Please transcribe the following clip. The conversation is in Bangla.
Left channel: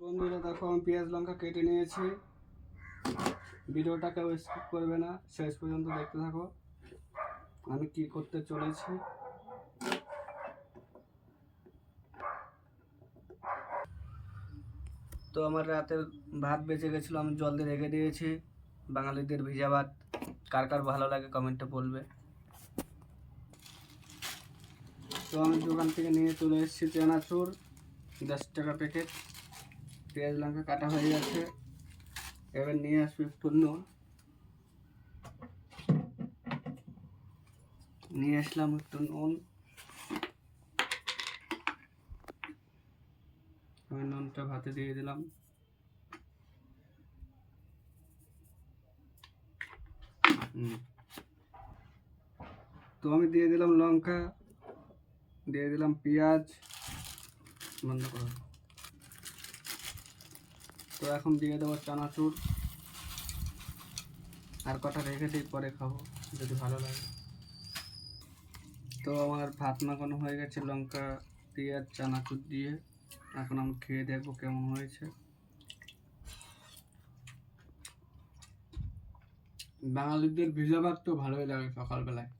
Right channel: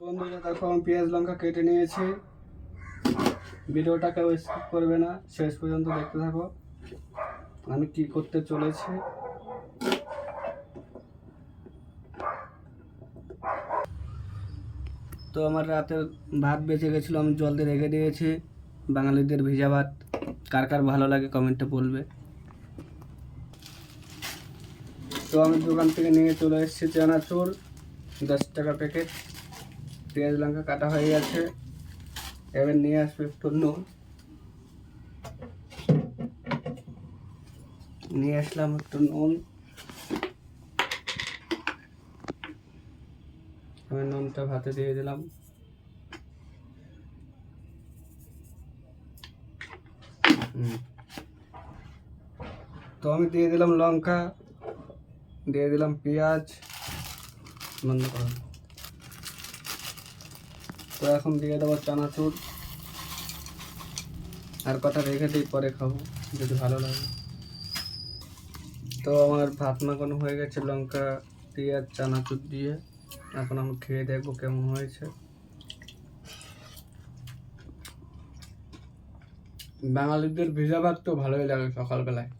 বন্ধুরা দেখো আমি পেঁয়াজ লঙ্কা কেটে নিয়েছি। ভিডিওটা কেউ স্কিপ করবে না, শেষ পর্যন্ত দেখতে থাকো আমি কি করতে চলেছি। তো আমার রাতের ভাত বেঁচে গেছিলো, আমি জল দিয়ে রেখে দিয়েছি। বাঙালিদের ভিজা ভাত কার কার ভালো লাগে কমেন্টে বলবে। তো আমি দোকান থেকে নিয়ে চলে এসেছি চানাচুর 10 টাকা প্যাকেট। পেঁয়াজ লঙ্কা কাটা হয়ে গেছে, এবার নিয়ে আসবে একটু নুন। নিয়ে আসলাম একটু নুন, আমি নুনটা ভাতে দিয়ে দিলাম। তো আমি দিয়ে দিলাম লঙ্কা, দিয়ে দিলাম পেঁয়াজ। বন্ধ করো। তো এখন দিয়ে দেবো চানাচুর, আর কটা রেখে দিই, পরে খাবো যদি ভালো লাগে। তো আমার ভাত মাখানো হয়ে গেছে লঙ্কা পেঁয়াজ চানাচুর দিয়ে। এখন আমি খেয়ে দেখবো কেমন হয়েছে। বাঙালিদের ভিজা ভাত তো ভালোই লাগে সকালবেলায়।